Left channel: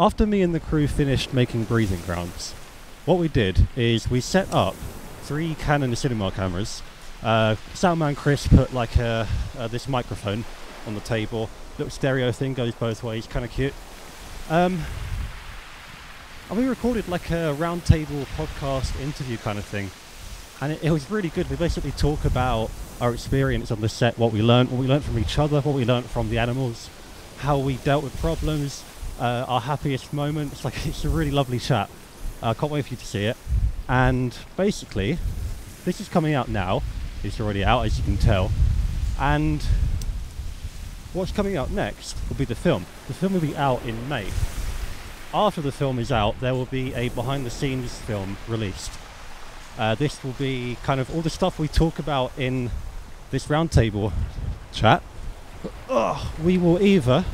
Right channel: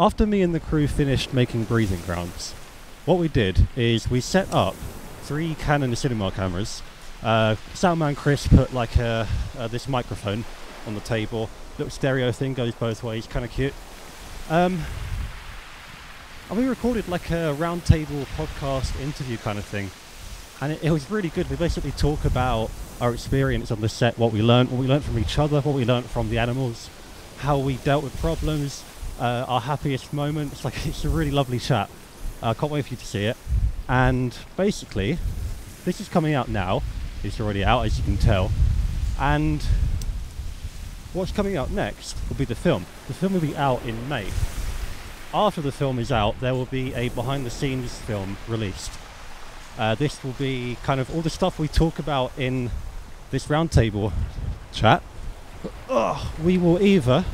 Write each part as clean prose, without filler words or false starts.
After me and the crew finished making breathing grounds, what we did is we set up 3 Canon cinema cameras. Soundman Chris put like this microphone on the table. Little stereo thing, goes both ways, kind of cute. And we recorded like a Roundtable podcast interview kind of thing. And it was really good. We basically talk about our experience on the set, what we learned from each other, what we learned from the animals, how we dealt with problems, our happiest moments. Like, it's a really lovely chat. I can't wait for you to see it. And basically, this is coming out now. It's already out, as you can tell. And what's coming out next will be the film. The film will be out in May. After the film is out, there will be a behind-the-scenes film released. This will be kind of all the stuff we talk about in this roundtable chat. We will either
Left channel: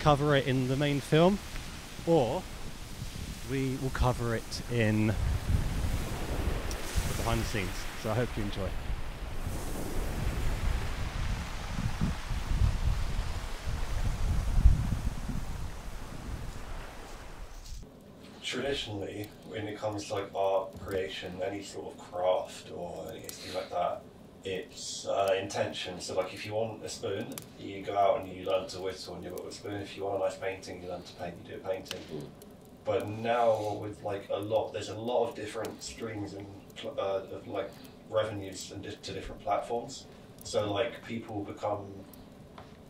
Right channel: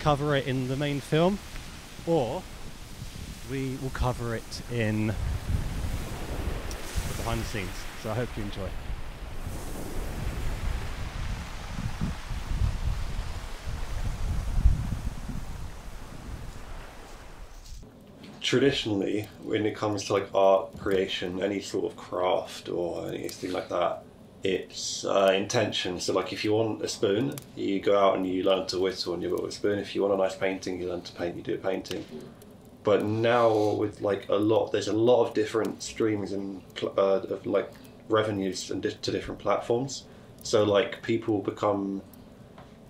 cover it in the main film, or we will cover it in the behind the scenes. So I hope you enjoy. Traditionally, when it comes to like art creation, any sort of craft or anything like that, it's intention. So like if you want a spoon, you go out and you learn to whittle and you got a spoon. If you want a nice painting, you learn to paint, you do a painting. But now with like there's a lot of different streams and of like revenues and to different platforms. So like people become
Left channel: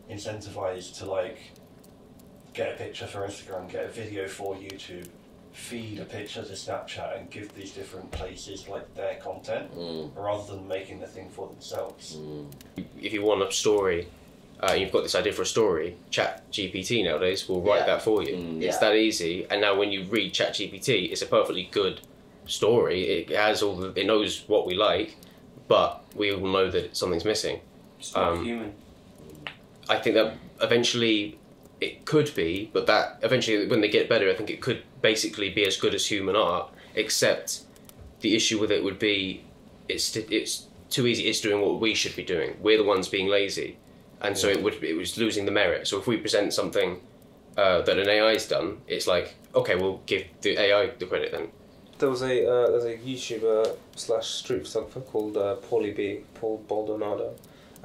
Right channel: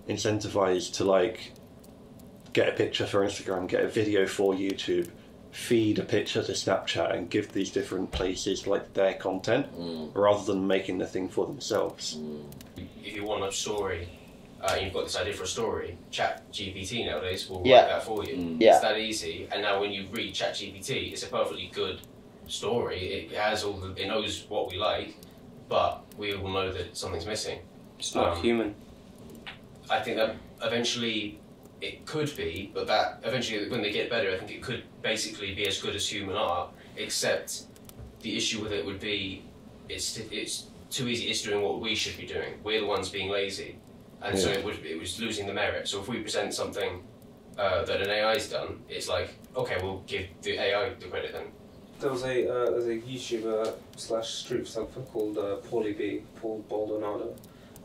incentivized to like get a picture for Instagram, get a video for YouTube, feed a picture to Snapchat, and give these different places like their content rather than making the thing for themselves. If you want a story, you've got this idea for a story, ChatGPT nowadays will write that for you. It's that easy. And now when you read ChatGPT, it's a perfectly good story. It has it knows what we like, but we all know that something's missing. It's not human. I think that eventually it could be, but that eventually when they get better, I think it could basically be as good as human art, except the issue with it would be it's too easy. It's doing what we should be doing. We're the ones being lazy, and so it was losing the merit. So if we present something that an AI's done, it's like, okay, we'll give the AI the credit then. There's a YouTuber / street photographer called Paul Baldonado,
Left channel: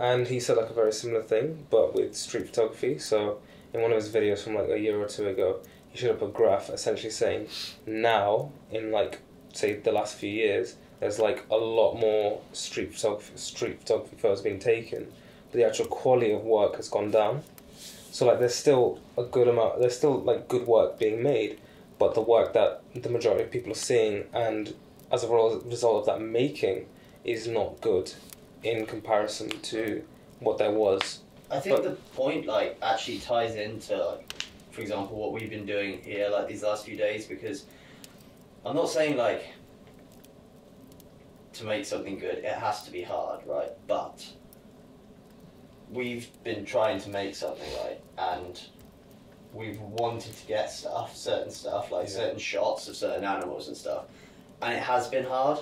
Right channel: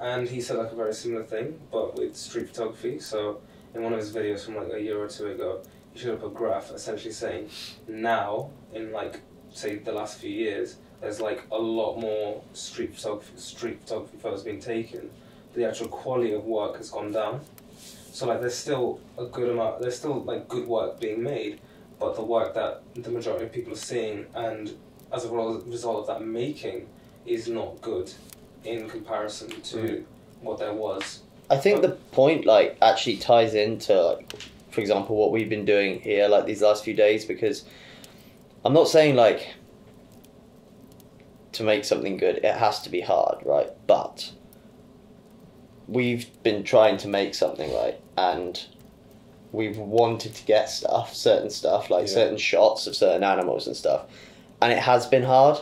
and he said like a very similar thing, but with street photography. So in one of his videos from like a year or two ago, he showed up a graph essentially saying now, in like say the last few years, there's like a lot more street photography photos being taken, but the actual quality of work has gone down. So like there's still like good work being made, but the work that the majority of people are seeing, and as a result of that making, is not good in comparison to what there was. I think the point like actually ties into like, for example, what we've been doing here like these last few days, because I'm not saying like to make something good it has to be hard, right? But we've been trying to make something, right? And we've wanted to get certain stuff, like certain shots of certain animals and stuff, and it has been hard.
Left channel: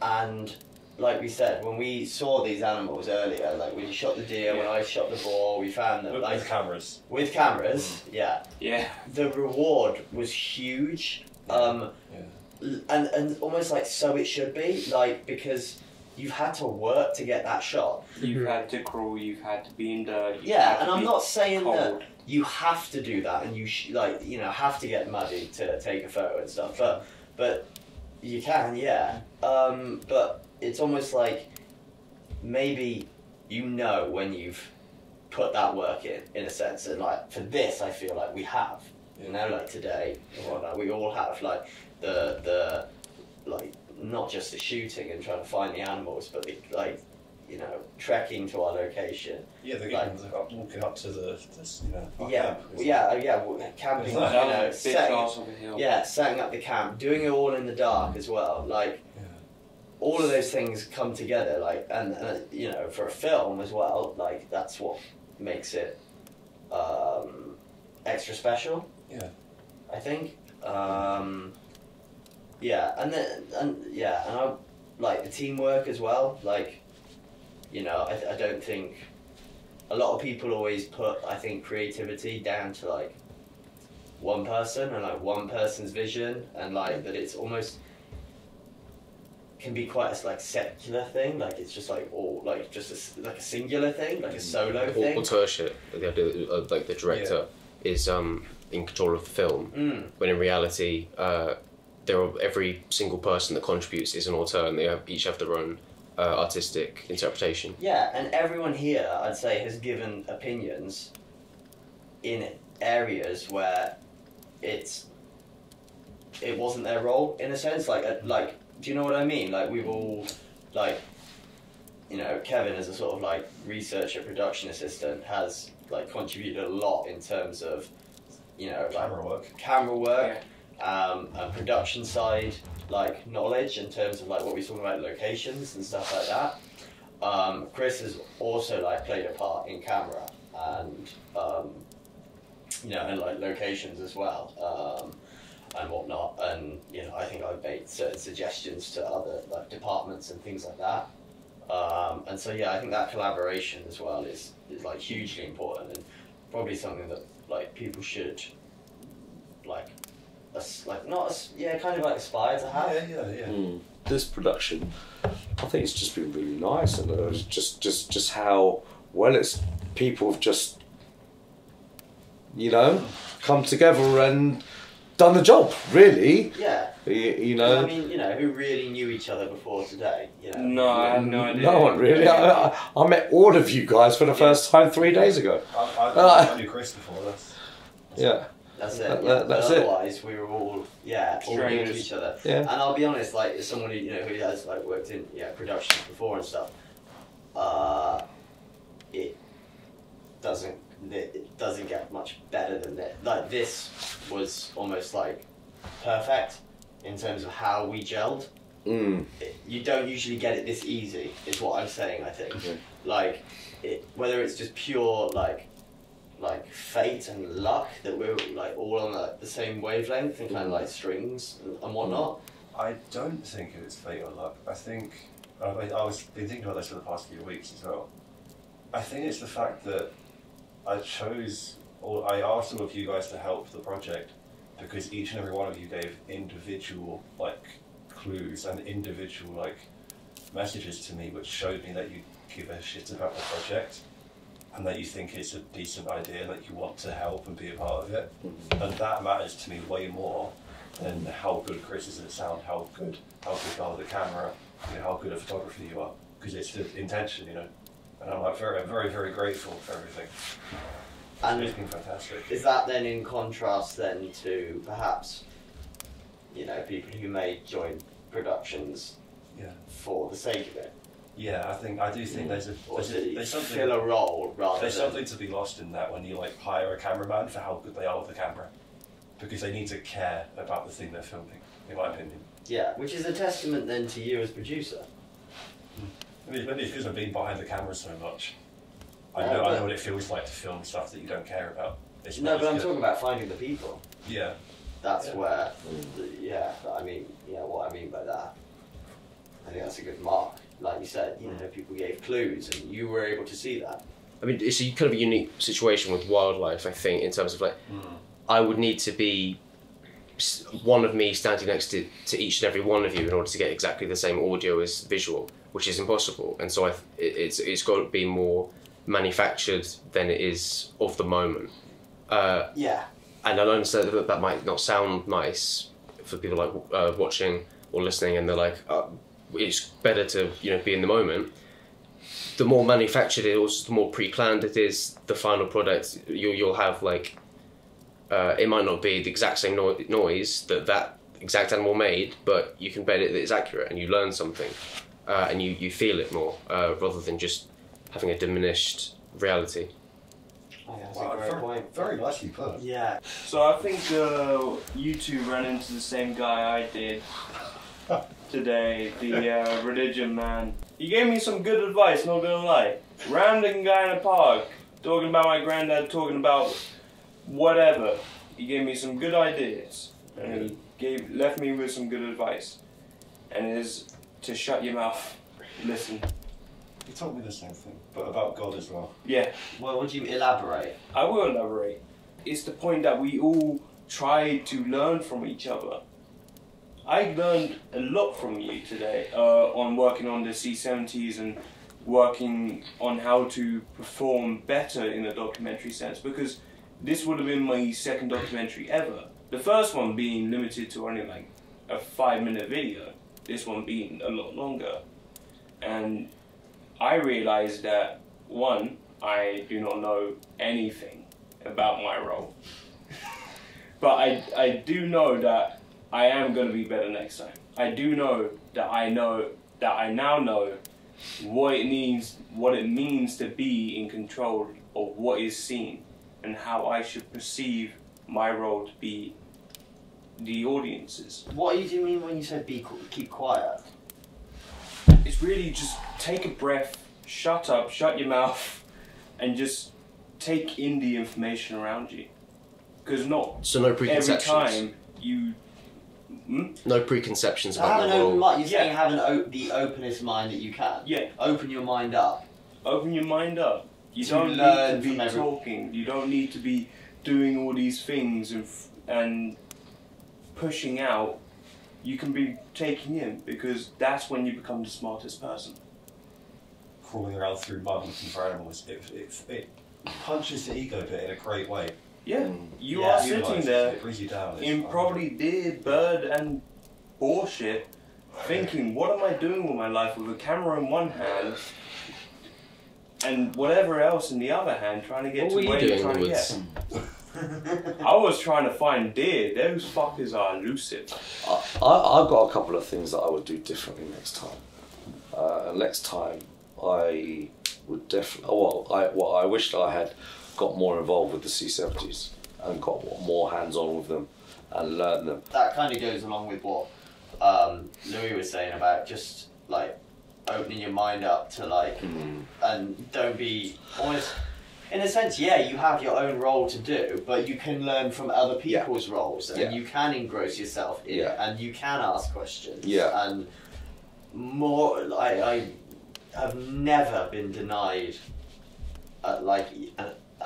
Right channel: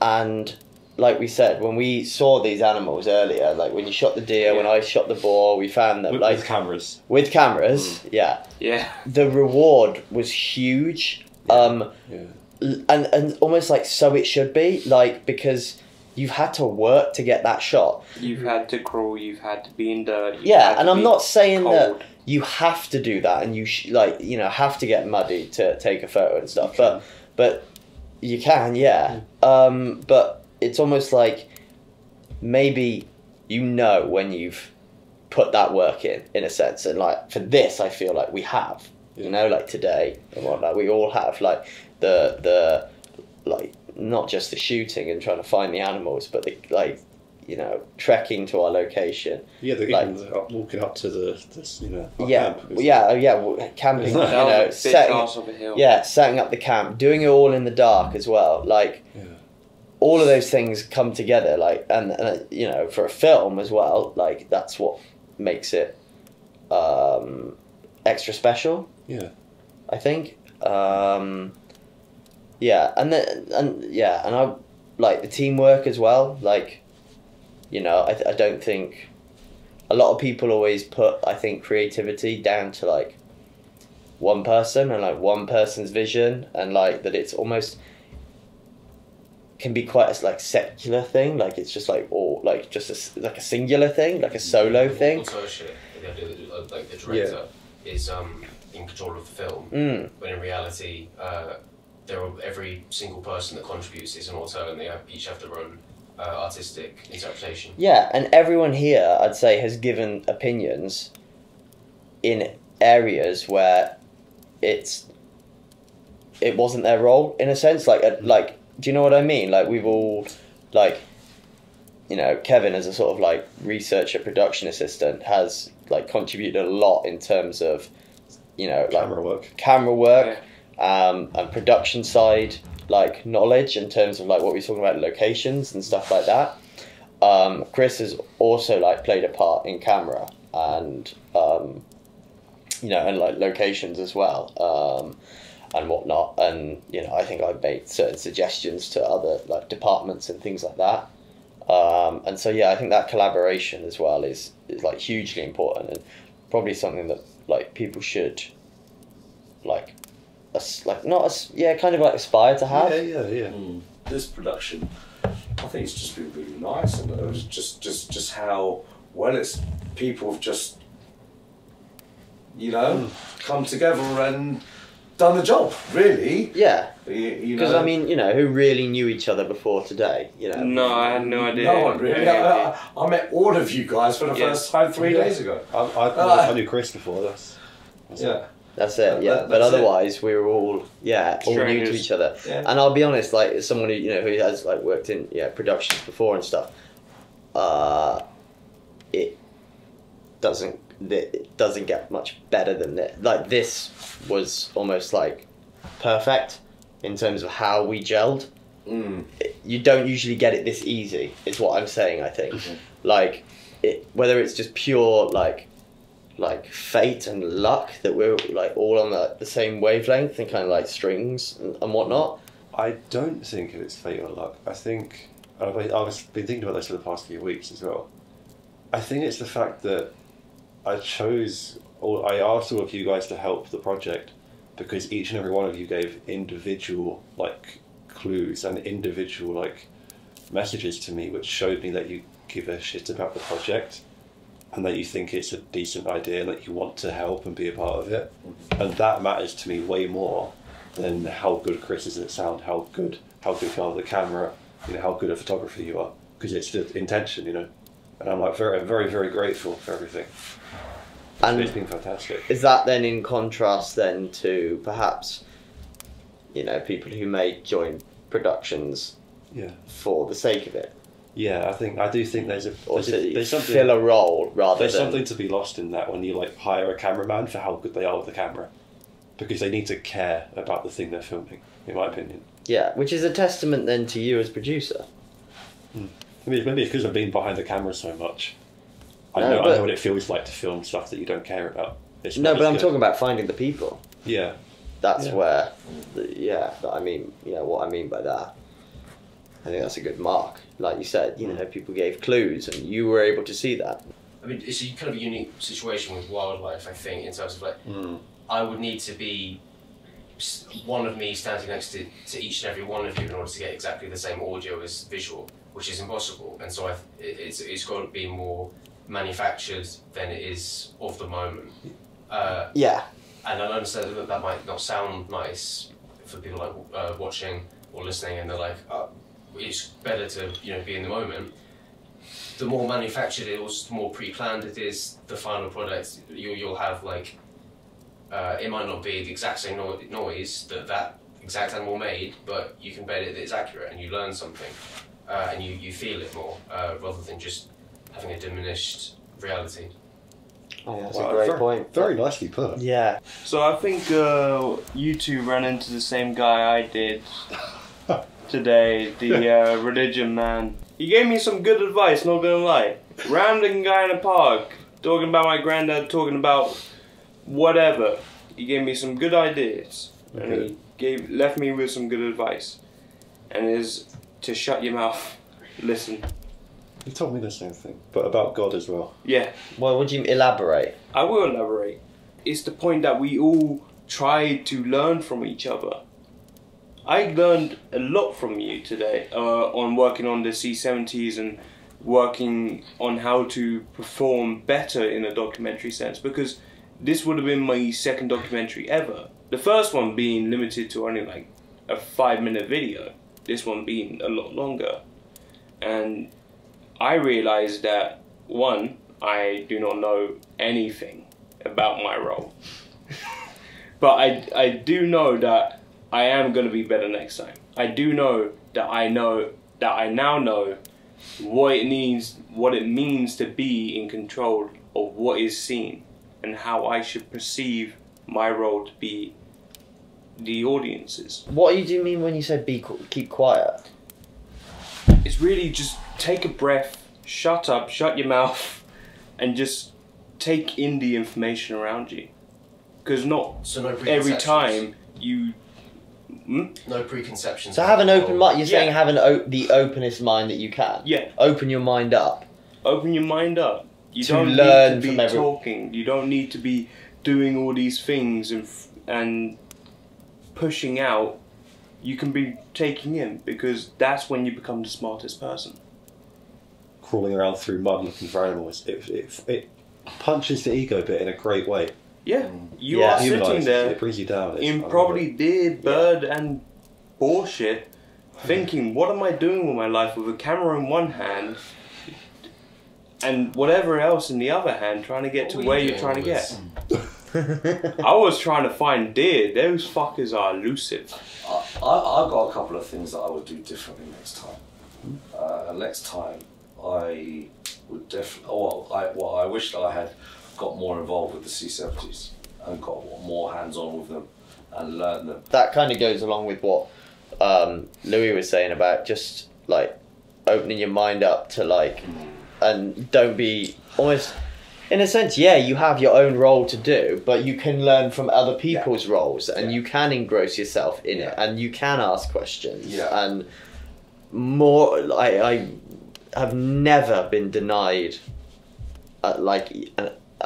And like we said, when we saw these animals earlier, like when you shot the deer, when I shot the boar, we found them With cameras. With cameras, yeah. The reward was huge, and almost like so it should be, like, because you've had to work to get that shot. You've had to crawl, you've had to be in dirt. And I'm not saying that you have to do that and you have to get muddy to take a photo and stuff, but you can, but it's almost like maybe when you've put that work in a sense, and like for this I feel like we have, like today and whatnot, we all have like the like not just the shooting and trying to find the animals, but the like trekking to our location. Yeah, they're like, walking up to the camping. Setting setting up the camp, doing it all in the dark as well. Like all of those things come together. Like and for a film as well. Like that's what makes it extra special. Yeah, I think. And I like the teamwork as well. Like, I don't think a lot of people always put, I think, creativity down to like one person and like one person's vision, and like that it's almost can be quite a like secular thing, like it's just like all like just like a singular thing, like a solo thing. Authorship, the idea that, like the director is in control of the film, when in reality every single person that contributes is an auteur, and they each have their own artistic interpretation. Yeah, and everyone here, I'd say, has given opinions in areas where it wasn't their role, in a sense. Like, do you know what I mean? Like, we've all, like, you know, Kevin as a sort of like researcher, production assistant has like contributed a lot in terms of, you know, like camera work, and production side, like knowledge in terms of like what we're talking about, locations and stuff like that. Chris has also like played a part in camera and you know, and like locations as well, and whatnot. And you know, I think I've made certain suggestions to other like departments and things like that. And so yeah, I think that collaboration as well is like hugely important, and probably something that like people should like kind of like aspire to have. Yeah. This production, I think it's just been really nice, and it was just how well it's people have just, you know, come together and done the job, really. Yeah. You know. Because I mean, you know, who really knew each other before today? You know. No, I had no idea. No one really. I met all of you guys for the first time 3 days ago. I knew Chris before. That's it, yeah. But otherwise, we were all all new to each other. Yeah. And I'll be honest, like as someone who who has like worked in productions before and stuff, it doesn't get much better than this. Like this was almost like perfect in terms of how we gelled. You don't usually get it this easy, is what I'm saying. I think, like whether it's just pure like fate and luck that we're like all on the same wavelength and kind of like strings and whatnot. I don't think it's fate or luck. I think I've been thinking about this for the past few weeks as well. I think it's the fact that I asked all of you guys to help the project because each and every one of you gave individual like clues and individual like messages to me, which showed me that you give a shit about the project and that you think it's a decent idea and that you want to help and be a part of it. And that matters to me way more than how good Chris is at sound, how good you are with the camera, you know, how good a photographer you are, because it's the intention, you know. And I'm like very, very, very grateful for everything. And it's been fantastic. Is that then in contrast then to perhaps, you know, people who may join productions for the sake of it? Yeah, I do think there's something, fill a role rather there's than... something to be lost in that when you like hire a cameraman for how good they are with the camera, because they need to care about the thing they're filming, in my opinion. Yeah, which is a testament then to you as producer. Maybe it's because I've been behind the camera so much. I know what it feels like to film stuff that you don't care about. No, but I'm talking about finding the people. Yeah. That's where, I mean, you know what I mean by that. I think that's a good mark. Like you said, you know, people gave clues and you were able to see that. I mean, it's a kind of a unique situation with wildlife, I think, in terms of like, I would need to be one of me standing next to each and every one of you in order to get exactly the same audio as visual, which is impossible. And so it's got to be more manufactured than it is of the moment. Yeah. And I understand that might not sound nice for people like watching or listening, and they're like, it's better to be in the moment. The more manufactured it is, the more pre-planned it is, the final product you'll have like it might not be the exact same noise that exact animal made, but you can bet it that it's accurate and you learn something and you feel it more rather than just having a diminished reality. Oh, that's a great point. Very nicely put. Yeah. So I think you two ran into the same guy I did today, the religion man. He gave me some good advice, not gonna lie. Random guy in a park, talking about my granddad, talking about whatever. He gave me some good ideas, and he left me with some good advice. And it is to shut your mouth, listen. You told me the same thing, but about God as well. Yeah, Well, would you elaborate? I will elaborate. It's the point that we all try to learn from each other. I learned a lot from you today on working on the C70s and working on how to perform better in a documentary sense, because this would have been my second documentary ever. The first one being limited to only like a 5-minute video, this one being a lot longer. And I realized that, one, I do not know anything about my role. But I do know that I am going to be better next time. I do know that I now know what it means to be in control of what is seen and how I should perceive my role to be the audience's. What do you mean when you say keep quiet? It's really just take a breath, shut up, shut your mouth, and just take in the information around you. Because not So no every preconceptions. time you... No preconceptions. So about have an the open role. mind. You're Yeah. saying have the openest mind that you can. Yeah. Open your mind up. Open your mind up. You To don't learn need to from be every- talking. You don't need to be doing all these things and pushing out. You can be taking in, because that's when you become the smartest person. Crawling around through mud looking for animals, it punches the ego bit in a great way. Yeah, you Yeah. are sitting Humanises there it brings you down. in probably deer, bird, and bullshit, thinking, what am I doing with my life with a camera in one hand and whatever else in the other hand, trying to get to What were where you you're doing trying to with- get? I was trying to find deer. Those fuckers are elusive. I've got a couple of things that I would do differently next time. Next time, I would definitely. What I wish that I had got more involved with the C70s and got more hands-on with them and learned them. That kind of goes along with what Louis was saying about just like opening your mind up to like, and don't be almost. In a sense, yeah, you have your own role to do, but you can learn from other people's roles, and you can engross yourself in it, and you can ask questions. Yeah. And more, I have never been denied an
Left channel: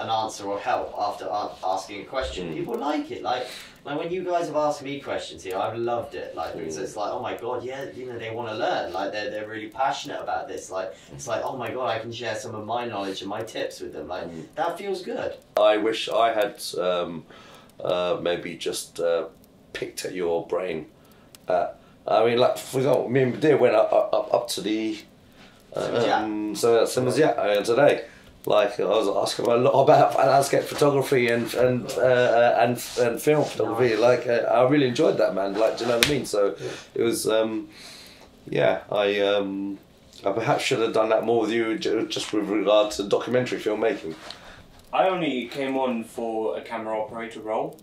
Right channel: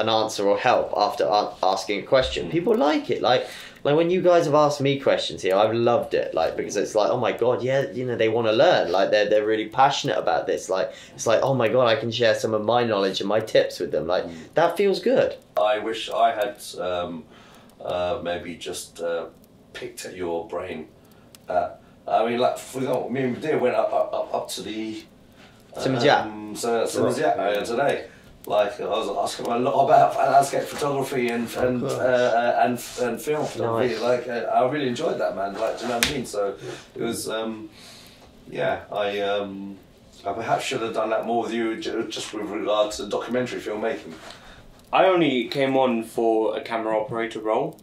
answer or help after asking a question. People like it, like when you guys have asked me questions here, I've loved it, like, because it's like, oh my god, yeah, you know, they want to learn, like they're really passionate about this, like it's like, oh my god, I can share some of my knowledge and my tips with them, like that feels good. I wish I had maybe just picked at your brain. I mean, like for example, me and Deer went up to the Simazia today. Like I was asking him a lot about landscape photography and film photography. Nice. Like I really enjoyed that, man. Like, do you know what I mean? So it was, yeah. I perhaps should have done that more with you, just with regard to documentary filmmaking. I only came on for a camera operator role,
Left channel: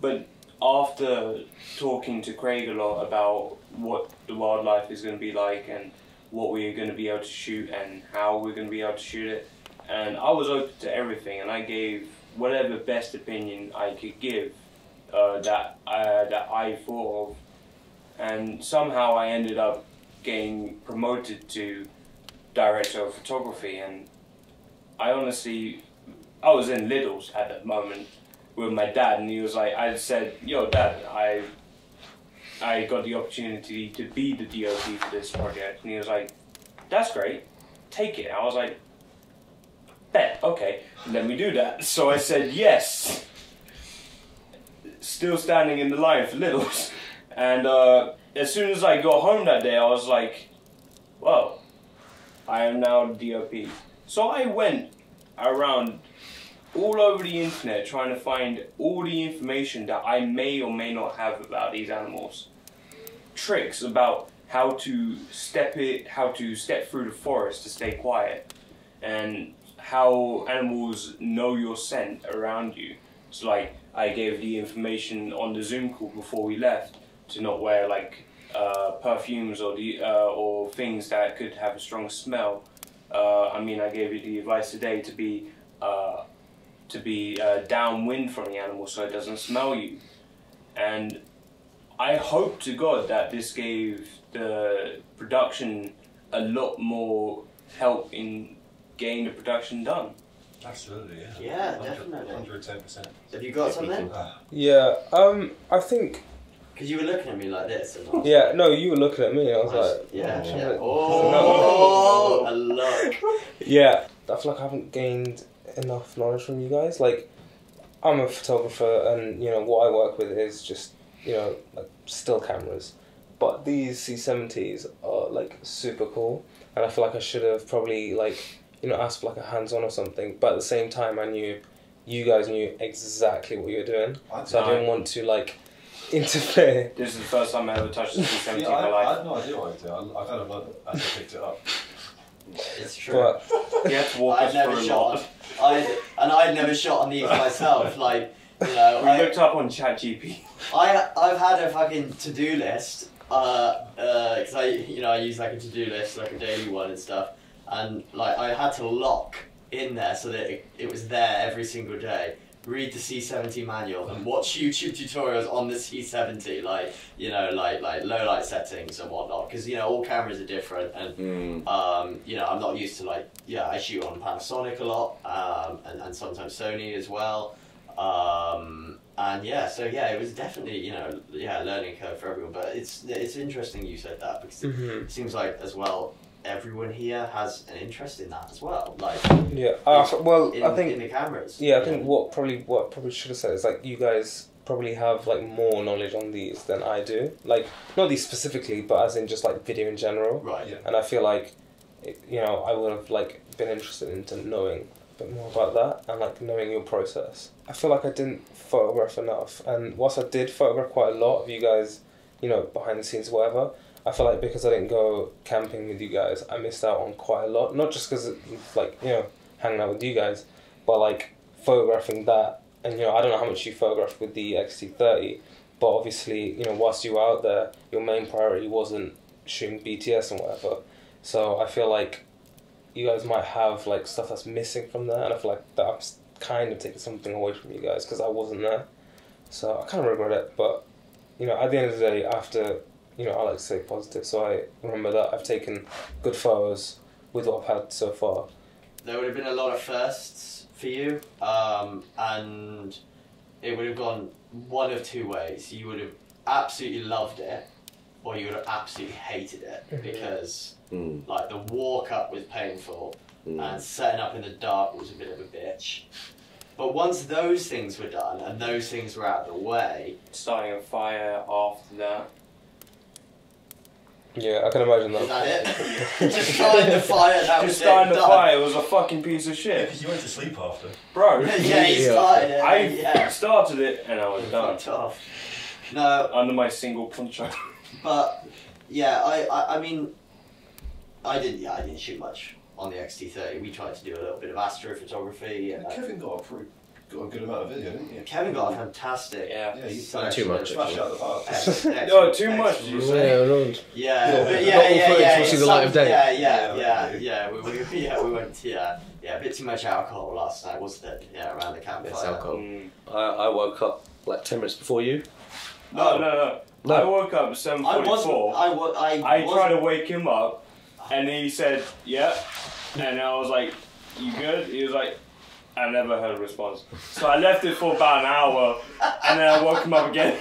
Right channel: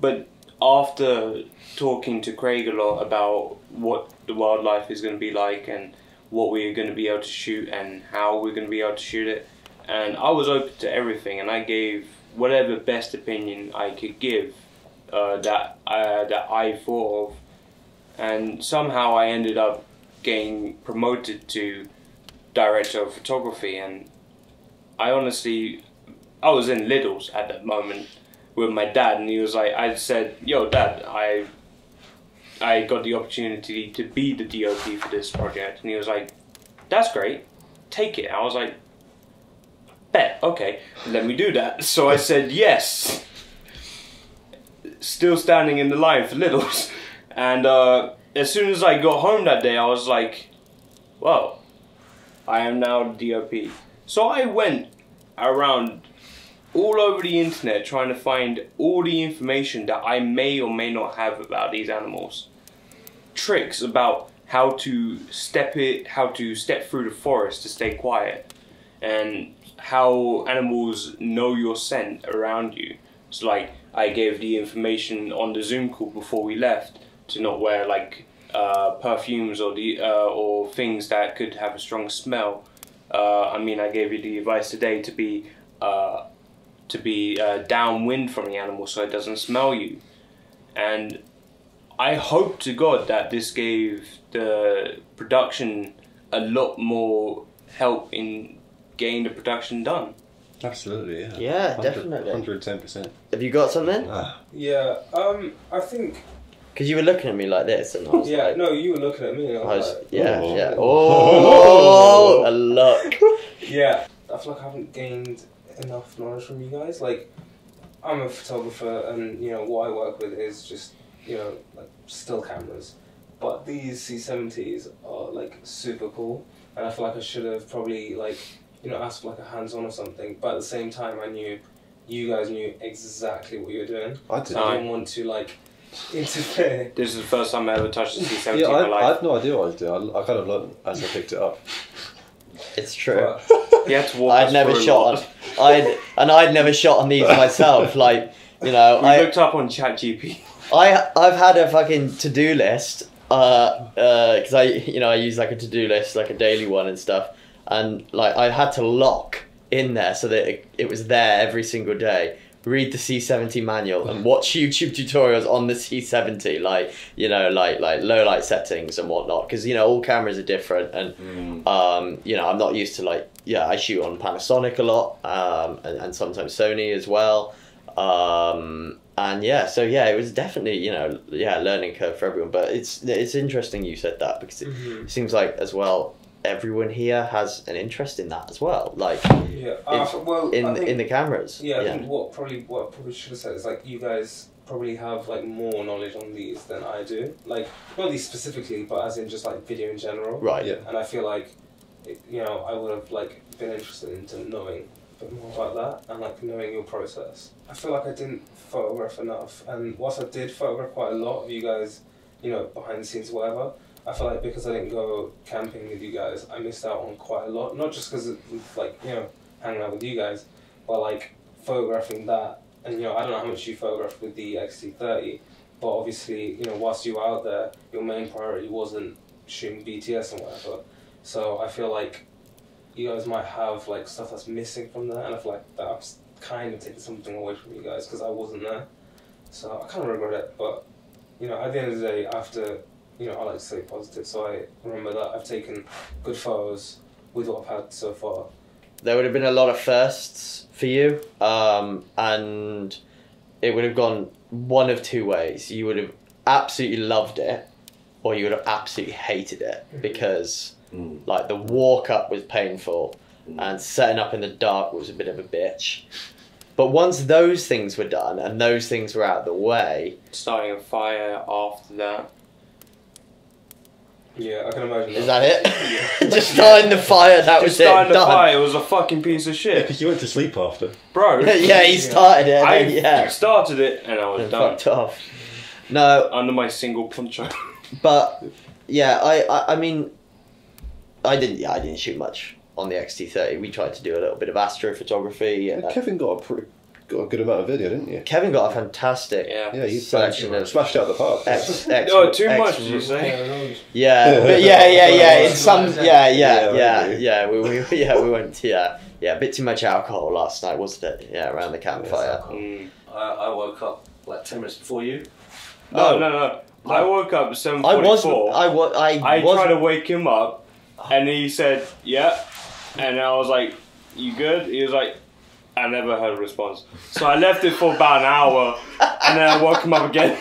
but after talking to Craig a lot about what the wildlife is going to be like and what we're going to be able to shoot and how we're going to be able to shoot it, and I was open to everything, and I gave whatever best opinion I could give that I thought of, and somehow I ended up getting promoted to director of photography. And I honestly, I was in Lidl's at that moment with my dad, and he was like, I said, yo Dad, I got the opportunity to be the DOP for this project, and he was like, that's great, take it. I was like, bet, okay, let me do that. So I said yes, still standing in the line for Lidl's, and as soon as I got home that day, I was like, well, I am now the DOP. So I went around all over the internet trying to find all the information that I may or may not have about these animals. Tricks about how to step through the forest to stay quiet, and how animals know your scent around you. So like, I gave the information on the Zoom call before we left to not wear like perfumes or things that could have a strong smell. I mean, I gave you the advice today to be downwind from the animal so it doesn't smell you. And I hope to God that this gave the production a lot more help in getting the production done. Absolutely, yeah. Yeah, definitely. 110%. Have you got something? Yeah, I think. Because you were looking at me like this, and I was Yeah, no, you were looking at me. And I was like, yeah, oh. yeah. Oh, a look. yeah. I feel like I haven't gained enough knowledge from you guys. Like, I'm a photographer, and you know what I work with is just like still cameras. But these C70s are like super cool, and I feel like I should have probably like asked for like a hands-on or something. But at the same time, I knew you guys knew exactly what you were doing, so I didn't want to like interfere. This is the first time I ever touched the C70 Yeah, in my I life. had no idea what I was doing. I kind of learned as I picked it up. It's true. You had to walk I'd us never through a shot. lot. I'd never shot on these myself. Like, We looked up on ChatGPT. I've had a fucking to-do list. Because I use like a to-do list, like a daily one and stuff, and like I had to lock in there so that it was there every single day. Read the C70 manual and watch YouTube tutorials on the C70, like low light settings and whatnot, because all cameras are different, and I'm not used to I shoot on Panasonic a lot, and sometimes Sony as well, and it was definitely learning curve for everyone. But it's interesting you said that, because it seems like as well everyone here has an interest in that as well, like in the cameras. I think what I probably should have said is like you guys probably have like more knowledge on these than I do, like not these specifically, but as in just like video in general, right? Yeah. And I feel like I would have like been interested into knowing a bit more about that and like knowing your process. I feel like I didn't photograph enough, and whilst I did photograph quite a lot of you guys, behind the scenes, whatever, I feel like because I didn't go camping with you guys, I missed out on quite a lot. Not just because hanging out with you guys, but like photographing that. And I don't know how much you photographed with the XT30, but obviously whilst you were out there, your main priority wasn't shooting BTS and whatever. So I feel like you guys might have like stuff that's missing from there, and I feel like that I'm kind of taking something away from you guys because I wasn't there. So I kind of regret it, but at the end of the day, after I like to stay positive, so I remember that I've taken good photos with what I've had so far. There would have been a lot of firsts for you, and it would have gone one of two ways. You would have absolutely loved it, or you would have absolutely hated it, because like the walk up was painful, and setting up in the dark was a bit of a bitch. But once those things were done and those things were out of the way, Starting a fire after that. Yeah, I can imagine that. is that it? Just starting the fire, that was Just it. starting the done. fire, it was a fucking piece of shit. Because you went to sleep after. Bro. Yeah, he started it. I started it and I was and done. fucked off. No, Under my single poncho. but yeah, I mean, I didn't shoot much on the XT30. We tried to do a little bit of astrophotography. Yeah, Kevin got a good amount of video, didn't you? Kevin got a fantastic Yeah. Yeah, you selection of smashed out the park. No, too much, did you say? Yeah, but yeah. In some, we went a bit too much alcohol last night, wasn't it? Yeah, around the campfire. I woke up like 10 minutes before you. No. I woke up at 7:44. I tried to wake him up, and he said, "Yeah," and I was like, "You good?" He was like, "I never heard a response." So I left it for about an hour, and then I woke him up again.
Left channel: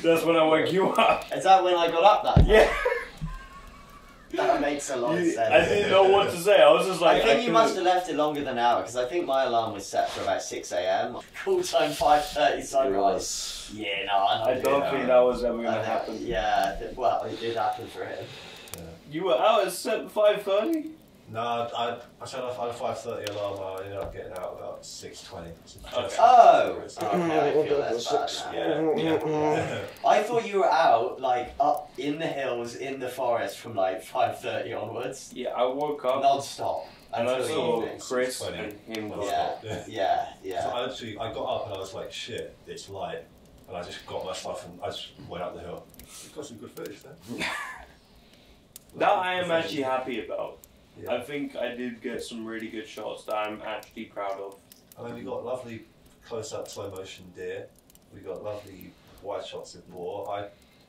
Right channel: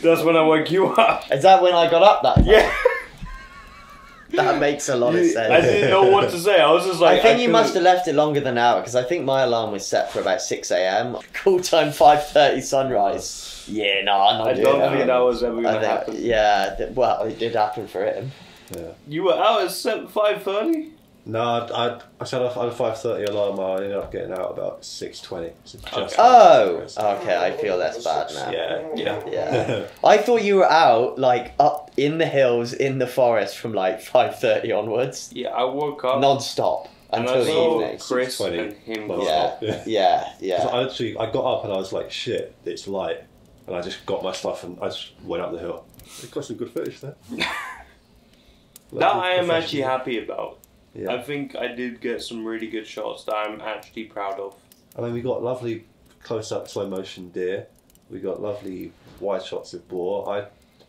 That's when I woke you up. Is that when I got up that night? Yeah. That makes a lot of sense. I didn't know what to say. I was just like, I think you must have left it longer than an hour, because I think my alarm was set for about 6 a.m. Call time 5:30 sunrise. Yeah, no, I'm not I doing don't that. think that was ever going to happen. Yeah, well, it did happen for him. Yeah. You were out at 5:30? No, I set off on a 5:30 alarm. I ended up getting out about 6:20. Oh, okay, I feel that's bad now. Yeah. I thought you were out, like, up in the hills, in the forest from, like, 5:30 onwards. Yeah, I woke up Non-stop. and I Until the saw evening. Chris 6:20. and him go Yeah. So I got up and I was like, shit, it's light. And I just got my stuff and I just went up the hill. It got some good footage there. That I am actually happy about. Yeah. I think I did get some really good shots that I'm actually proud of. I mean, we got lovely close-up slow motion deer. We got lovely wide shots of boar. I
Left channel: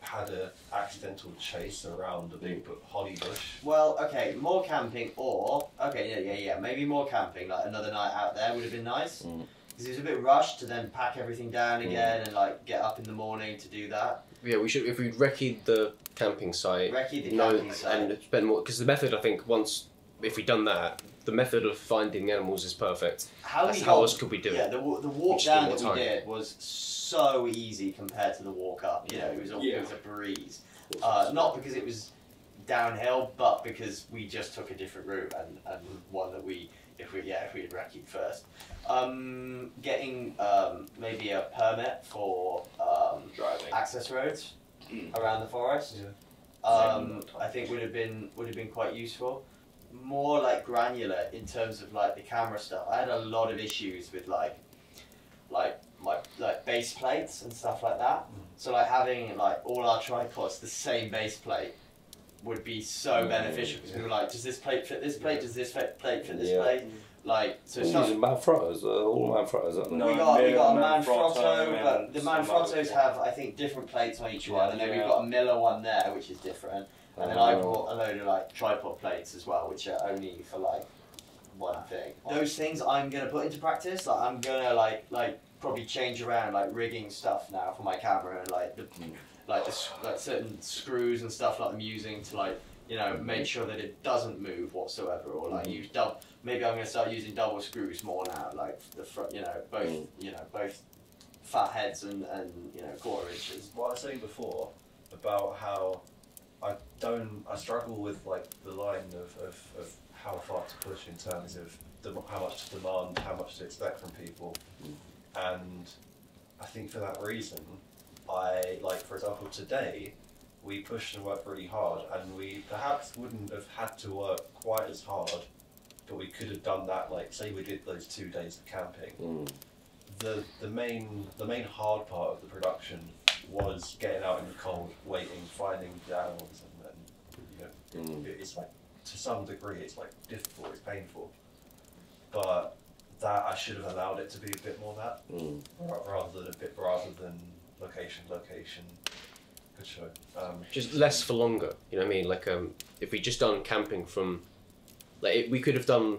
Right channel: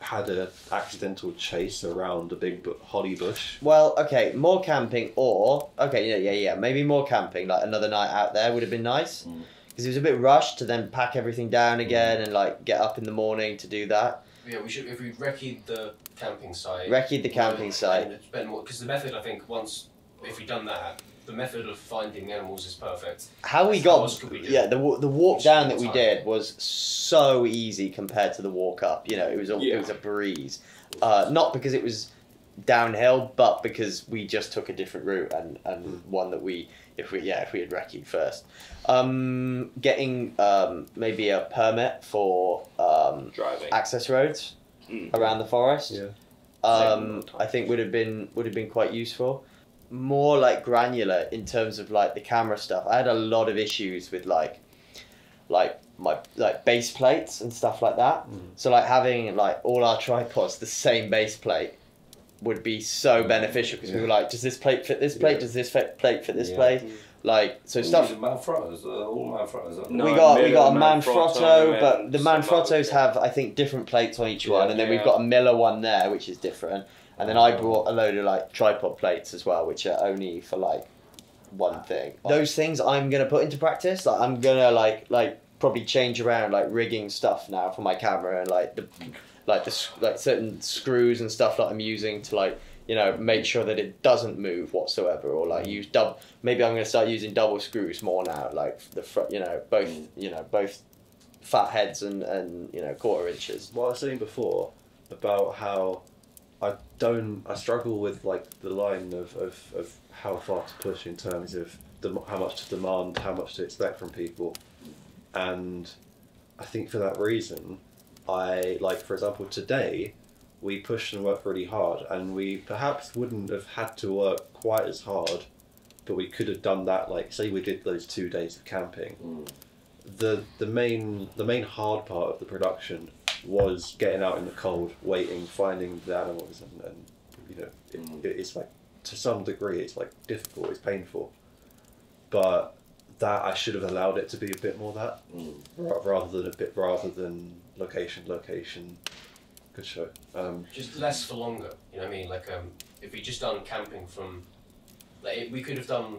had a accidental chase around a big holly bush. Well, okay, more camping, or okay, yeah, maybe more camping. Like another night out there would have been nice because it was a bit rushed to then pack everything down again and like get up in the morning to do that. Yeah, we should, if we recce'd the camping site. Recce'd the camping site. And spend more, because the method, I think, if we'd done that, the method of finding the animals is perfect. How else could we do? Yeah, the walk down that we did was so easy compared to the walk up. You know, it was a breeze. Not because it was downhill, but because we just took a different route and one that if we had recce'd first. Getting maybe a permit for driving access roads around the forest. Yeah. I think would have been quite useful. More like granular in terms of like the camera stuff. I had a lot of issues with like my base plates and stuff like that. So like having like all our tripods the same base plate would be so beneficial because we were like, does this plate fit this plate? Does this plate fit this plate? Like so stuff. Manfrottos, all Manfrottos. We got a Manfrotto, but the Manfrottos have I think different plates on each one, and then we've got a Miller one there which is different. And then I brought a load of like tripod plates as well, which are only for like one thing. Those things I'm gonna put into practice. Like I'm gonna like probably change around like rigging stuff now for my camera and like certain screws and stuff that I'm using to like make sure that it doesn't move whatsoever, or like use maybe I'm gonna start using double screws more now, like the front, both fat heads and quarter inches. What I was saying before about how I struggle with like the line of how far to push in terms of how much to demand, how much to expect from people, and I think for that reason, for example today, we pushed and worked really hard, and we perhaps wouldn't have had to work quite as hard, but we could have done that. Like say we did those 2 days of camping. The main hard part of the production was getting out in the cold, waiting, finding the animals, and it's like to some degree it's like difficult, it's painful, but that I should have allowed it to be a bit more that rather than location. Good show. Just less for longer. You know what I mean? Like if we just done camping from, like we could have done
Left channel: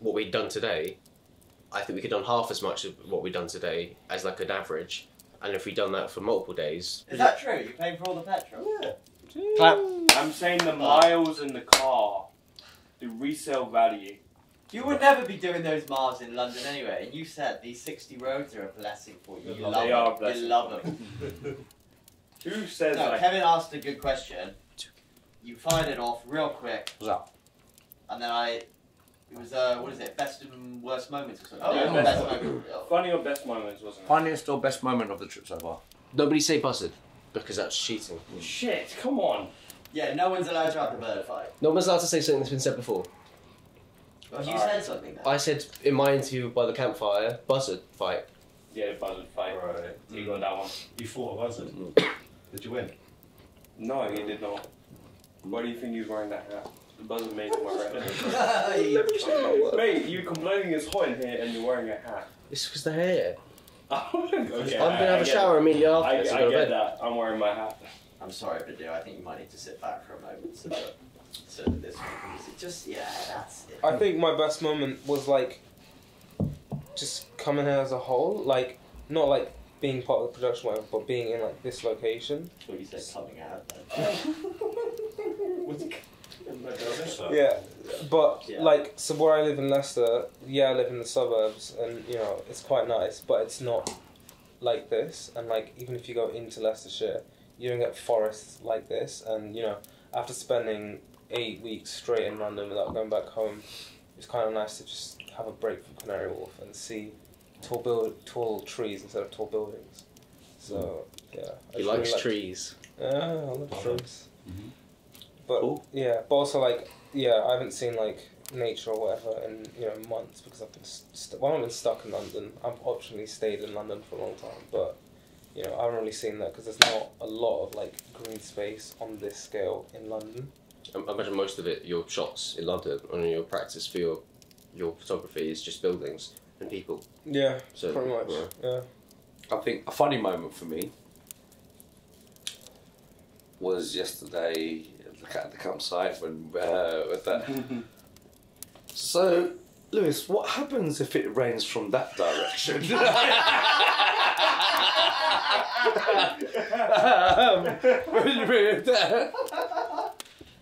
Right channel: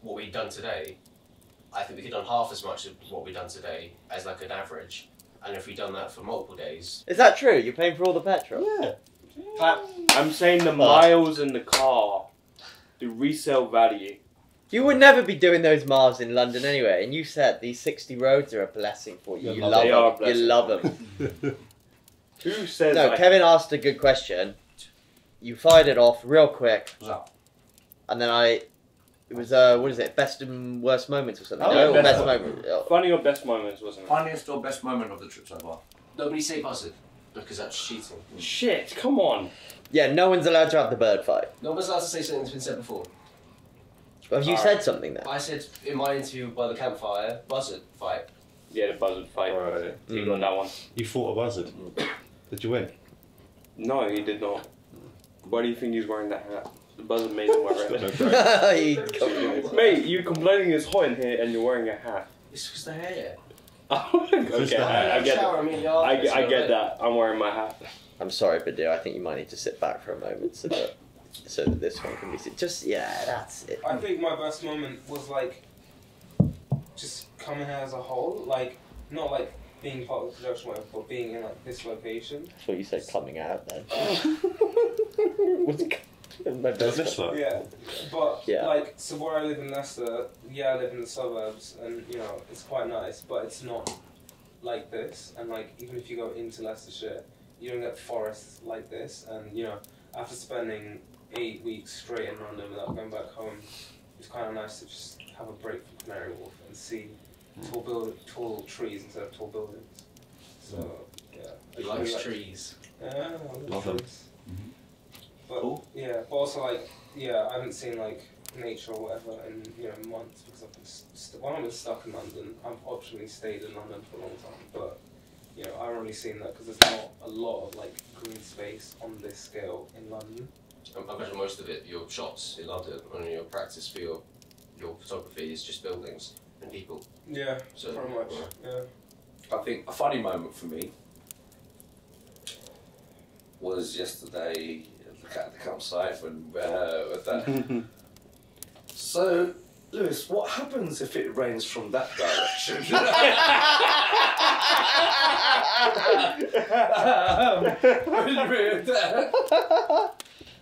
what we'd done today. I think we could have done half as much of what we'd done today as like an average. And if we'd done that for multiple days... Is that true? You're paying for all the petrol? Yeah. I'm saying the miles in the car, the resale value. You would never be doing those miles in London anyway, and you said these 60 roads are a blessing for you. You love them. You love them. Who says No, Kevin asked a good question. You fired it off real quick. And then it was, what is it, best and worst moments or something? Best moment. Funny or best moments, wasn't it? Funniest or best moment of the trip so far? Nobody say buzzard, because that's cheating. Shit, come on. Yeah, no one's allowed to have the bird fight. No one's allowed to say something that's been said before. Have you said something then? I said in my interview by the campfire, buzzard fight. Yeah, the buzzard fight. Right. He got that one. You fought a buzzard. Did you win? No, he did not. Why do you think he's wearing that hat? The buzzard made him wear it. Mate, you're complaining it's hot in here and you're wearing a hat. It's because the hair. Okay, I'm gonna have a shower immediately after. I get that. I'm wearing my hat. I'm sorry, Badoo. I think you might need to sit back for a moment so that this one can be seen. Just, yeah, that's it. I think my best moment was like just coming here as a whole, like not like being part of the production whatever, but being in like this location. That's what you said coming out then. What's it? Yeah, but like, so where I live in Leicester, I live in the suburbs, and it's quite nice, but it's not like this. And like, even if you go into Leicestershire, you don't get forests like this. And after spending 8 weeks straight in London without going back home, it's kind of nice to just have a break from Canary Wharf and see tall trees instead of tall buildings. So He likes trees. Yeah, I love trees. Mm-hmm. But Cool. but also like I haven't seen like nature or whatever in months because I've been I've been stuck in London. I've optionally stayed in London for a long time, but I haven't really seen that because there's not a lot of like green space on this scale in London. I imagine most of it, your shots in London, and your practice for your photography is just buildings and people. Yeah, So, pretty much. yeah. Yeah. I think a funny moment for me was yesterday at the campsite when with that. So, Lewis, what happens if it rains from that direction?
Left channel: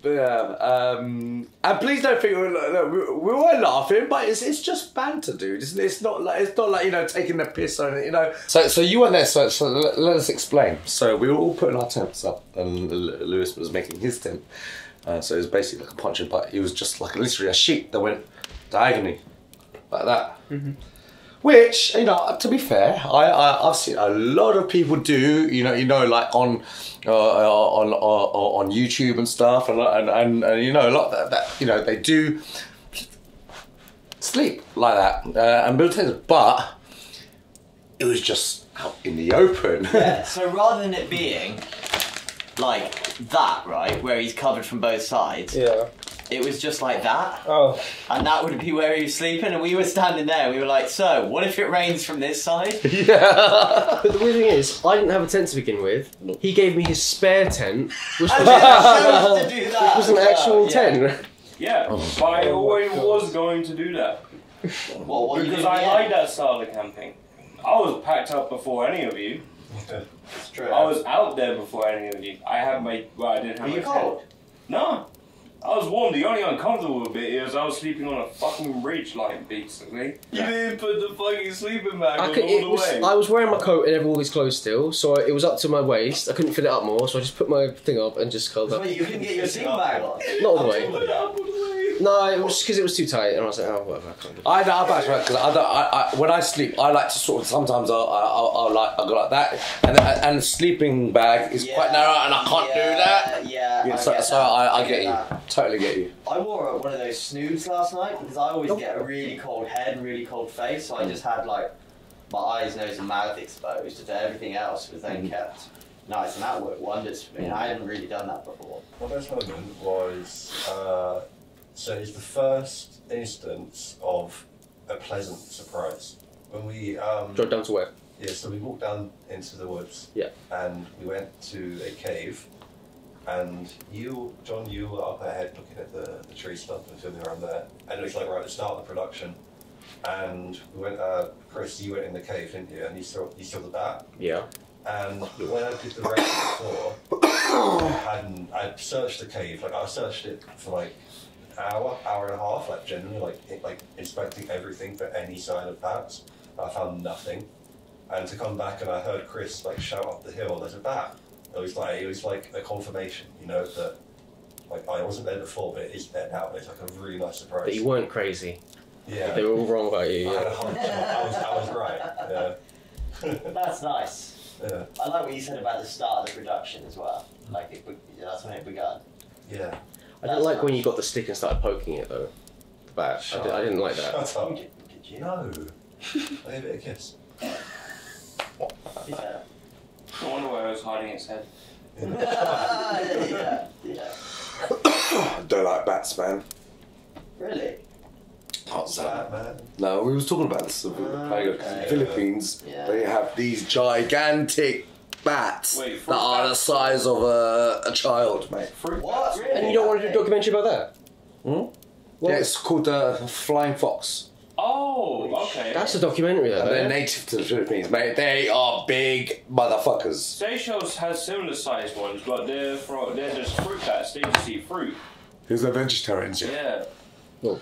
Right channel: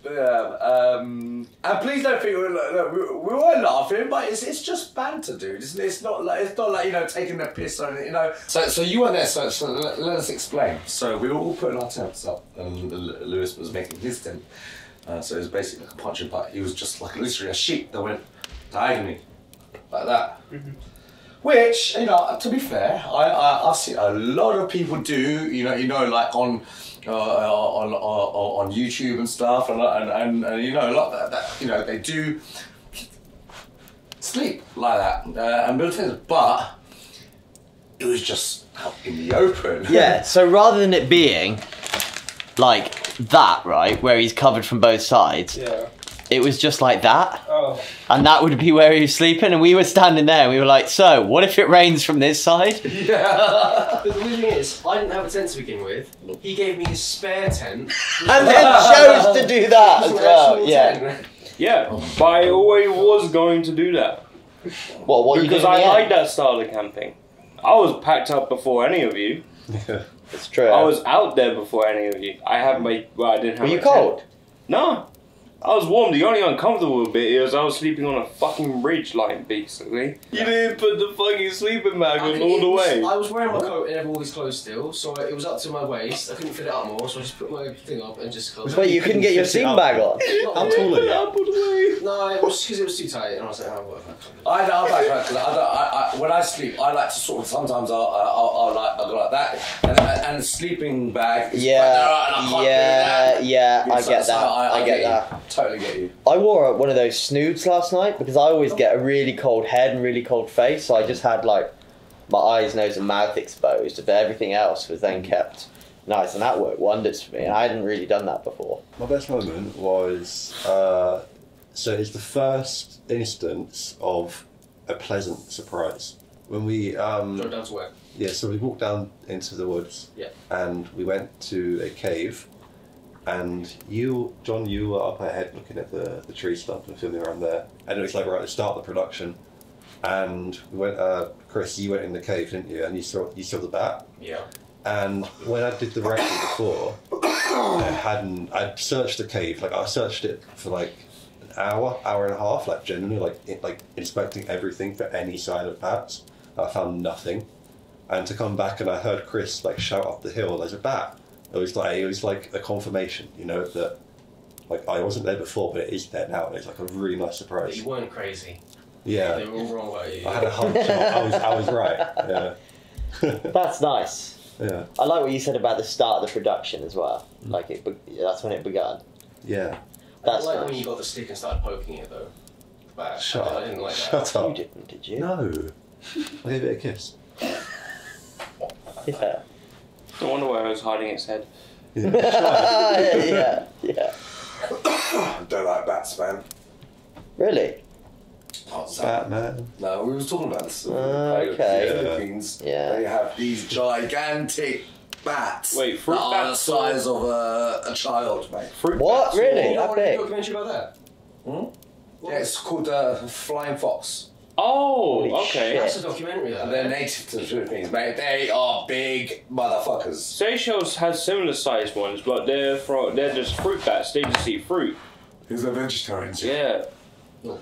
But yeah, and please don't think we weren't laughing, but it's just banter, dude. It's not like you know taking the piss on it, you know. So you weren't there, so let us explain. So we were all putting our tents up, and Lewis was making his tent. So it was basically like a punching bag. It was just like literally a sheet that went diagonally like that. Which, you know, to be fair, I've seen a lot of people do. You know, like on YouTube and stuff, and you know, a lot that you know they do sleep like that and build tents, but it was just out in the open. Yeah. So rather than it being like that, right, where he's covered from both sides. Yeah. It was just like that, Oh. and that would be where he was sleeping, and we were standing there, and we were like, so, what if it rains from this side? But the weird thing is, I didn't have a tent to begin with. He gave me his spare tent, which And then chose to do that. was an as well, actual yeah. tent. Yeah, but I always was going to do that. What you Because doing I in the like end? that style of camping. I was packed up before any of you. It's true. I was out there before any of you. I didn't have Were you my cold? tent. No. I was warm. The only uncomfortable bit is I was sleeping on a fucking ridge line, basically. You didn't put the fucking sleeping bag on all the way. I was wearing my coat and all these clothes still, so it was up to my waist. I couldn't fit it up more, so I just put my thing up and just curled up. But you couldn't get your sleeping bag on. Not all the way. Put it up all the way. No, it was because it was too tight, and I was like, oh, whatever. I can't do it. I know about it because I when I sleep, I like to sort of sometimes I'll go like that, and the sleeping bag is quite narrow, and I can't do that. Yeah, I So- get so that. I get get that. you. Totally get you. I wore one of those snoods last night because I always get a really cold head and really cold face, so I just had like my eyes, nose and mouth exposed, but everything else was then kept nice, and that worked wonders for me, and I hadn't really done that before. My best moment was, so it's the first instance of a pleasant surprise. When we, Drove down to where? yeah, so we walked down into the woods. Yeah. And we went to a cave, and you, John, you were up ahead looking at the tree stump and filming around there, and it was like right at the start of the production. And we went, Chris, you went in the cave, didn't you? And you saw the bat. Yeah. And when I did the record before, I'd searched the cave, like I searched it for like an hour and a half, like genuinely, like inspecting everything for any sign of bats. I found nothing. And to come back and I heard Chris like shout up the hill, there's a bat. It was like a confirmation, you know, that like I wasn't there before, but it is there now. It's like a really nice surprise. But you weren't crazy. Yeah. They were all wrong about you. I had a hunch. I was right. Yeah. That's nice. Yeah. I like what you said about the start of the production as well. Like that's when it began. Yeah. I didn't like nice. when you got the stick and started poking it though. The bat. I didn't like that. Shut up. You didn't, did you? No. I gave it a kiss. Yeah. No wonder why I was hiding its head. yeah. I don't like bats, man. Really? Not Batman. No, we was talking about this. Okay. Philippines. Yeah. They have these gigantic bats Wait, that fruit are the bats? size of a child, mate. Fruit What? bats. Really? You don't want to do a Okay. documentary about that? Yeah, it's called Flying Fox. Oh, okay. That's a documentary though. And they're native to the Philippines, mate. They are big motherfuckers. Seychelles has similar sized ones, but they're just fruit bats. They just eat fruit. Who's a vegetarian? Yeah. Well,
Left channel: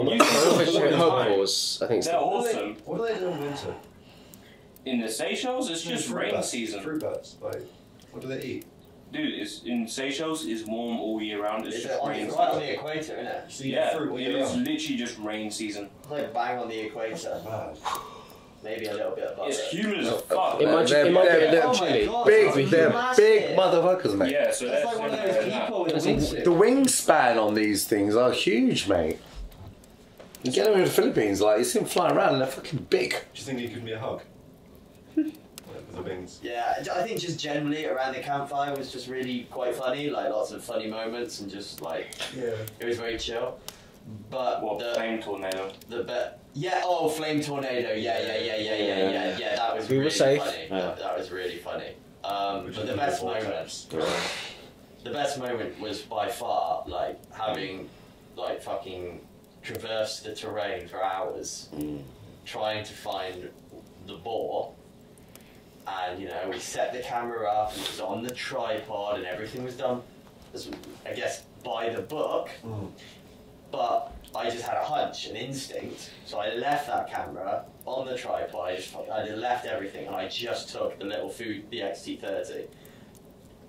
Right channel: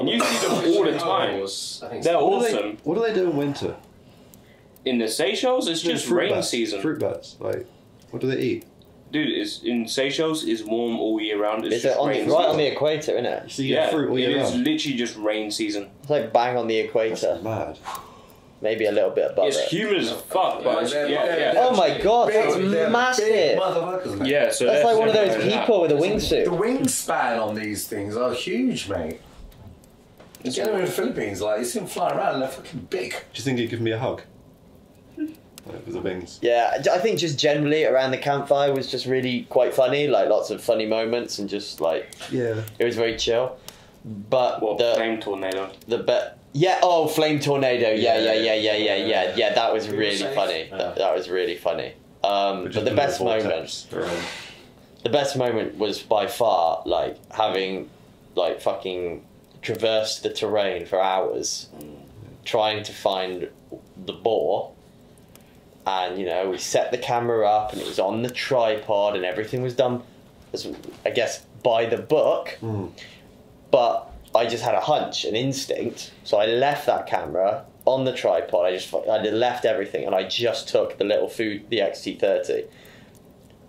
And you see them all the time. herbivores, I think. They're so. awesome. What do they do in winter? In the Seychelles, it's just Fruit rain bats. season. Fruit bats. Like, what do they eat? Dude, it's in Seychelles is warm all year round. It's It's just right rain on the season. equator, isn't it? So you Yeah, get fruit all it year is round. literally just rain season. It's like bang on the equator. Mad. Maybe a little bit above It's it. humid as fuck. Yeah, but- they're Oh my god, big, that's they're massive. big motherfuckers, mate. Yeah, so That's like one of those people with a The wingsuit. wingspan on these things are huge, mate. You get them in the Philippines, like you see them flying around and they're fucking big. Do you think you'd give me a hug? With the wings. Yeah, I think just generally around the campfire was just really quite funny, like lots of funny moments and just like Yeah. it was very chill. But What, the flame tornado? flame tornado, yeah, that was We were really safe. funny. Yeah. That was really funny. But the best moment, the best moment was by far like having like fucking traversed the terrain for hours trying to find the boar, and you know, we set the camera up and it was on the tripod and everything was done as, I guess, by the book, but I just had a hunch, an instinct, so I left that camera on the tripod. I left everything and I just took the little food, the XT30,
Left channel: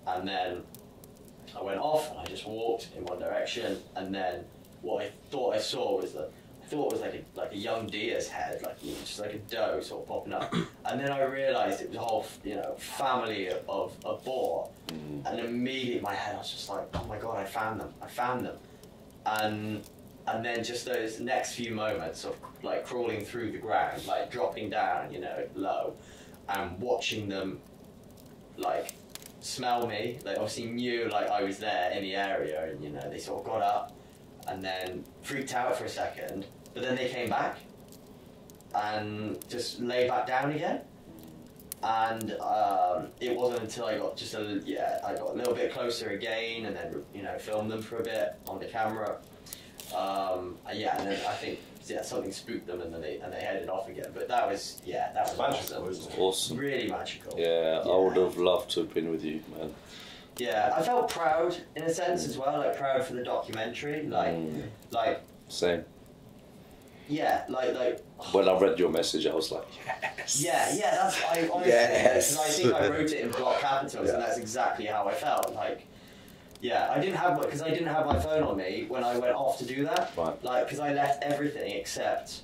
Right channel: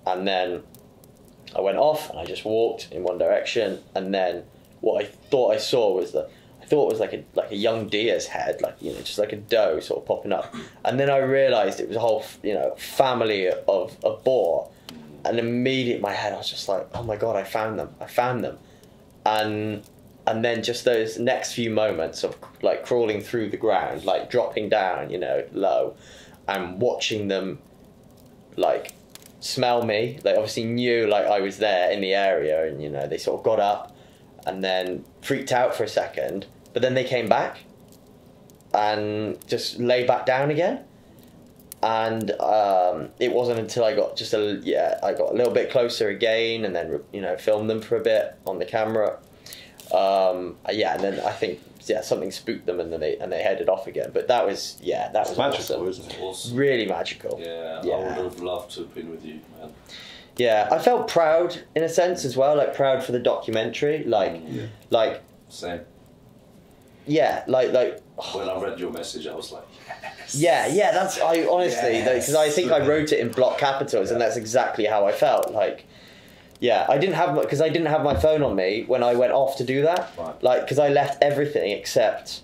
and then I went off and I just walked in one direction, and then what I thought I saw was like a young deer's head, like, you know, just like a doe sort of popping up, and then I realised it was a whole, you know, family of a boar, and immediately in my head I was just like, oh my god, I found them, and then just those next few moments of like crawling through the ground, like dropping down, you know, low, and watching them like smell me, they obviously knew like I was there in the area, and you know, they sort of got up and then freaked out for a second, but then they came back and just lay back down again, and it wasn't until I got I got a little bit closer again, and then, you know, filmed them for a bit on the camera, and then I think something spooked them, and then they headed off again. But that was magical, awesome. isn't it? Awesome. Really magical. Yeah, I would have loved to have been with you, man. Yeah, I felt proud in a sense as well, like proud for the documentary, like Same. Yeah, like when I read your message, I was like, yes. Yeah, that's I honestly, because I think I wrote it in block capitals, and that's exactly how I felt. Like, yeah, I didn't have my phone on me when I went off to do that. Right. Like, because I left everything except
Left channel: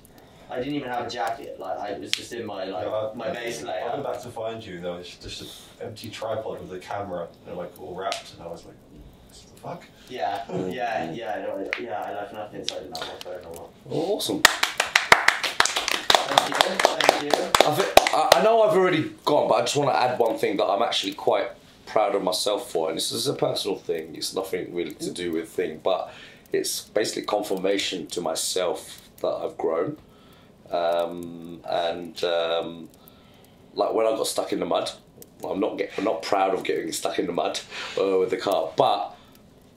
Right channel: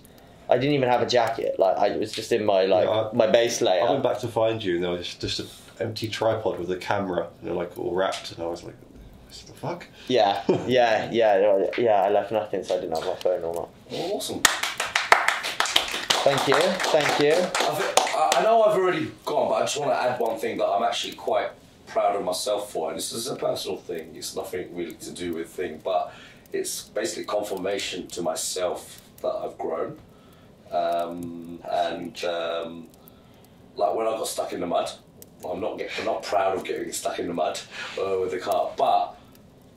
I didn't even have a jacket. Like, I was just in my my base layer. I went back to find you, and there was just an empty tripod with a camera, you know, like all wrapped, and I was like, what the fuck? Yeah. I left nothing, so I didn't have my phone on that. Awesome. Thank you. I know I've already gone, but I just want to add one thing that I'm actually quite proud of myself for, and this is a personal thing. It's nothing really to do with thing, but it's basically confirmation to myself that I've grown. Like when I got stuck in the mud, I'm not proud of getting stuck in the mud with the car, but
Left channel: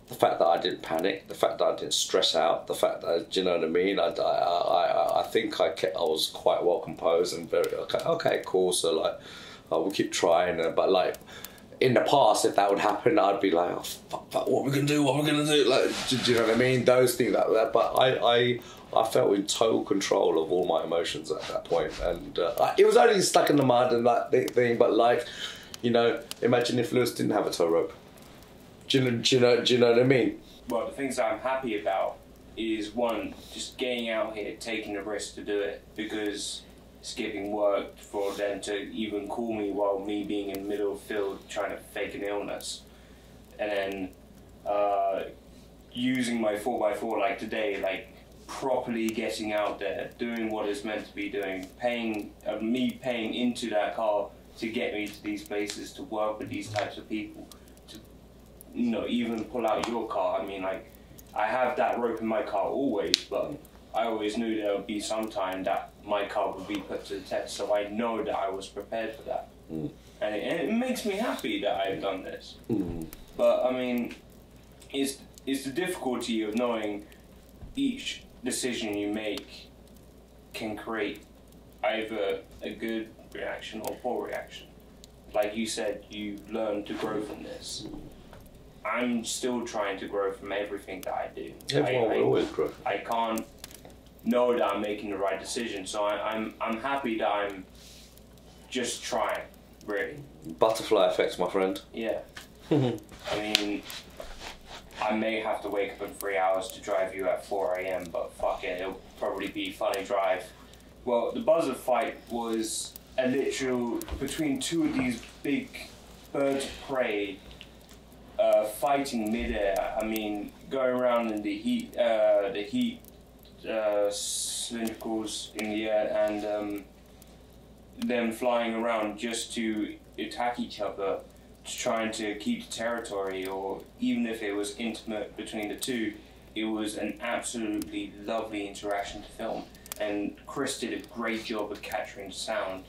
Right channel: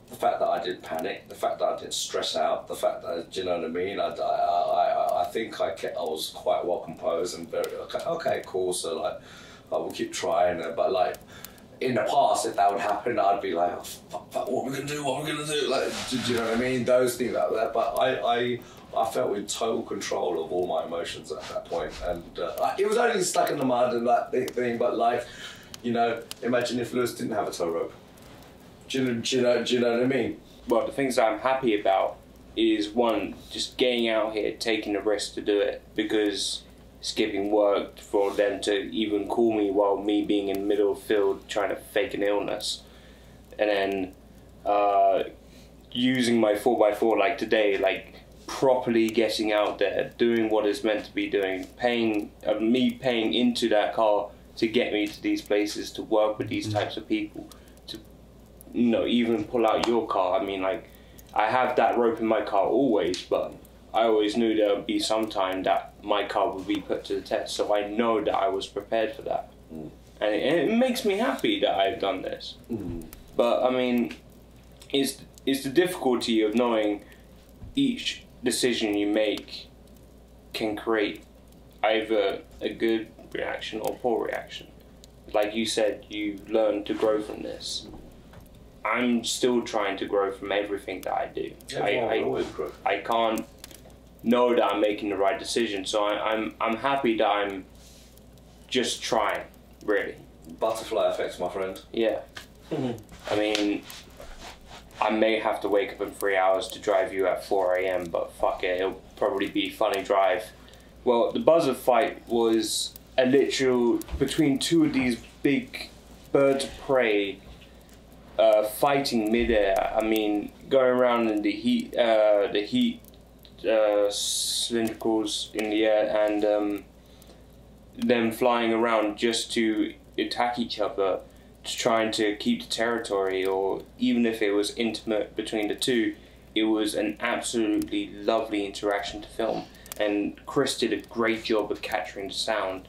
the fact that I didn't panic, the fact that I didn't stress out, the fact that, do you know what I mean? I think I was quite well composed and very okay, cool. So like, we'll keep trying. But like in the past, if that would happen, I'd be like, oh, fuck, what are we gonna do? Like, do you know what I mean? Those things like that. But I felt in total control of all my emotions at that point, and it was only stuck in the mud and that thing. But like, you know, imagine if Lewis didn't have a tow rope. Do you know what I mean? Well, the things I'm happy about is, one, just getting out here, taking the risk to do it, because skipping work for them to even call me while me being in the middle of the field trying to fake an illness. And then using my 4x4 like today, like properly getting out there, doing what it's meant to be doing, me paying into that car to get me to these places, to work with these types of people, to, you know, even pull out your car. I mean, like, I have that rope in my car always, but I always knew there would be some time that my car would be put to the test, so I know that I was prepared for that. And it makes me happy that I've done this. But I mean, it's the difficulty of knowing each decision you make can create either a good reaction or poor reaction. Like you said, you learn to grow from this. I'm still trying to grow from everything that I do. Everyone will always grow. I can't know that I'm making the right decision, so I'm happy that I'm just trying, really. Butterfly effect, my friend. Yeah. I mean, I may have to wake up in 3 hours to drive you at 4 AM, but fuck it, it'll probably be a funny drive. Well, the buzzard fight was a literal between two of these big birds of prey fighting midair. I mean, going around in the heat cylindricals in the air, and them flying around just to attack each other, trying to keep the territory, or even if it was intimate between the two, it was an absolutely lovely interaction to film. And Chris did a great job of capturing the sound,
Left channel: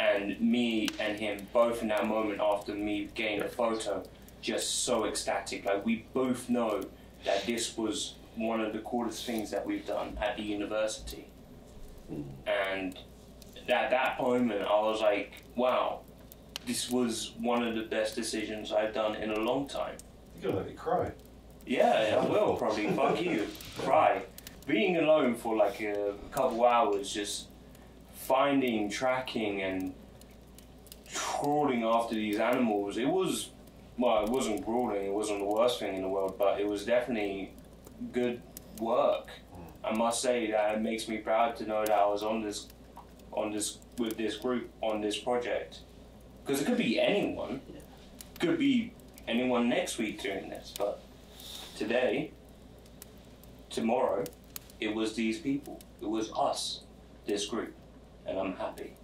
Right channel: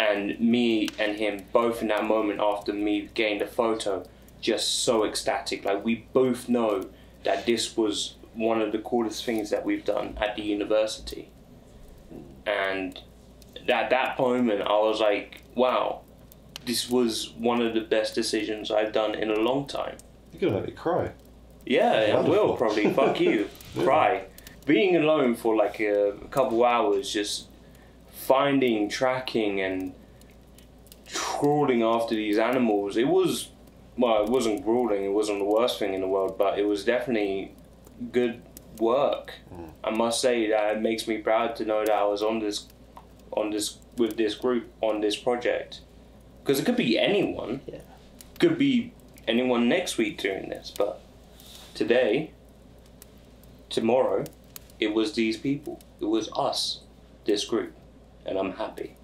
and me and him both in that moment after me getting the photo just so ecstatic. Like, we both know that this was one of the coolest things that we've done at the university. And at that moment, I was like, wow, this was one of the best decisions I've done in a long time. You're going to make me cry. Yeah, I will probably. Fuck you. Cry. Being alone for like a couple hours, just finding, tracking, and crawling after these animals. It was, well, it wasn't crawling, it wasn't the worst thing in the world, but it was definitely good work. I must say that it makes me proud to know that I was with this group on this project. Because it could be anyone. Yeah. Could be anyone next week doing this, but today, tomorrow, it was these people. It was us, this group, and I'm happy.